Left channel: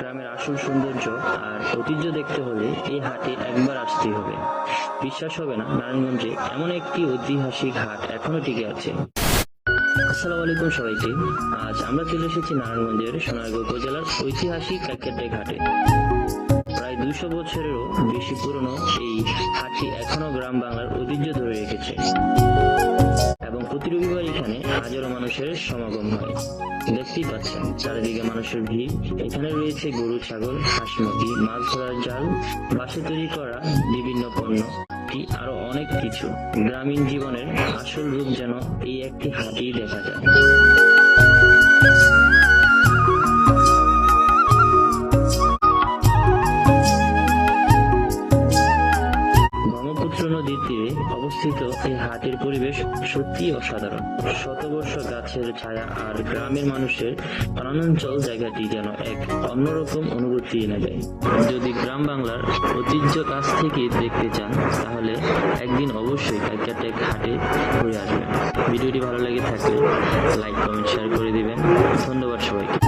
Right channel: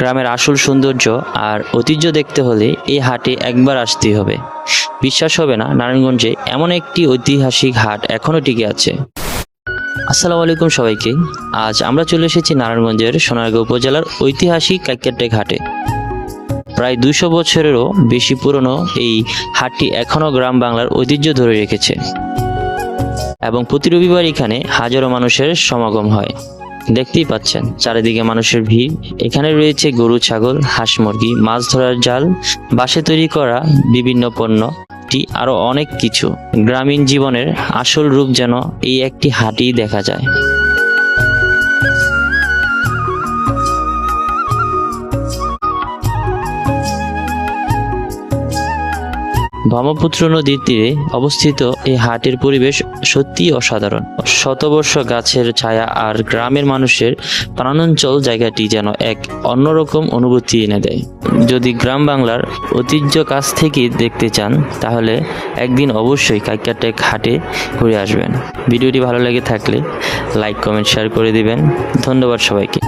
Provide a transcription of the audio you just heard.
গ্রামের আসল সৌন্দর্য আর ঐতিহ্য দেখতে হলে এই হাটে একবার আসতেই হবে। বিশ্বাস হবে না, নারায়ণগঞ্জে এমন একটি ঐতিহাসিক হাট এখনো টিকে আছে। আসসালামু আলাইকুম সবাইকে। আজ আমরা চলে এসেছি নারায়ণগঞ্জের সোনারগাঁও উপজেলার ঐতিহাসিক কাইক্যারটেক হাটে। প্রায় 200 বছরেরও বেশি পুরনো এই হাটটি এখনো গ্রাম বাংলার ঐতিহ্য ধরে রেখেছে এবং প্রতি রবিবার এখানে হাজারো মানুষের সমাগম হয়। দেখতেই পাচ্ছেন চারিদিকে মানুষের ভিড়। এখানে রয়েছে গরু, ছাগল, হাঁস, মুরগি, মাছ ধরার জাল, বাঁশে তৈরি করা বিভিন্ন পণ্য, আরো অনেক কিছু। গ্রামীণ জীবনের আসল রূপ যেন এই একটি হাটেই দেখা যায়। ব্রহ্মপুত্র নদীর তীরে অবস্থিত এই হাটের পরিবেশ সত্যিই অসাধারণ। শতবর্ষ গাছের ছায়া আর গ্রামের মানুষের প্রাণাঞ্চল জায়গাটি যেন এক অন্যরকম অনুভূতি এনে দেয়। যদি গ্রাম বাংলার ঐতিহ্য কাছ থেকে দেখতে চান তাহলে একদিন অবশ্যই কাইক্যারটেক হাটে ঘুরে আসবেন। ভিডিওটি ভালো লেগে থাকলে লাইক, কমেন্ট, শেয়ার করে দিবেন। ধন্যবাদ সবাইকে।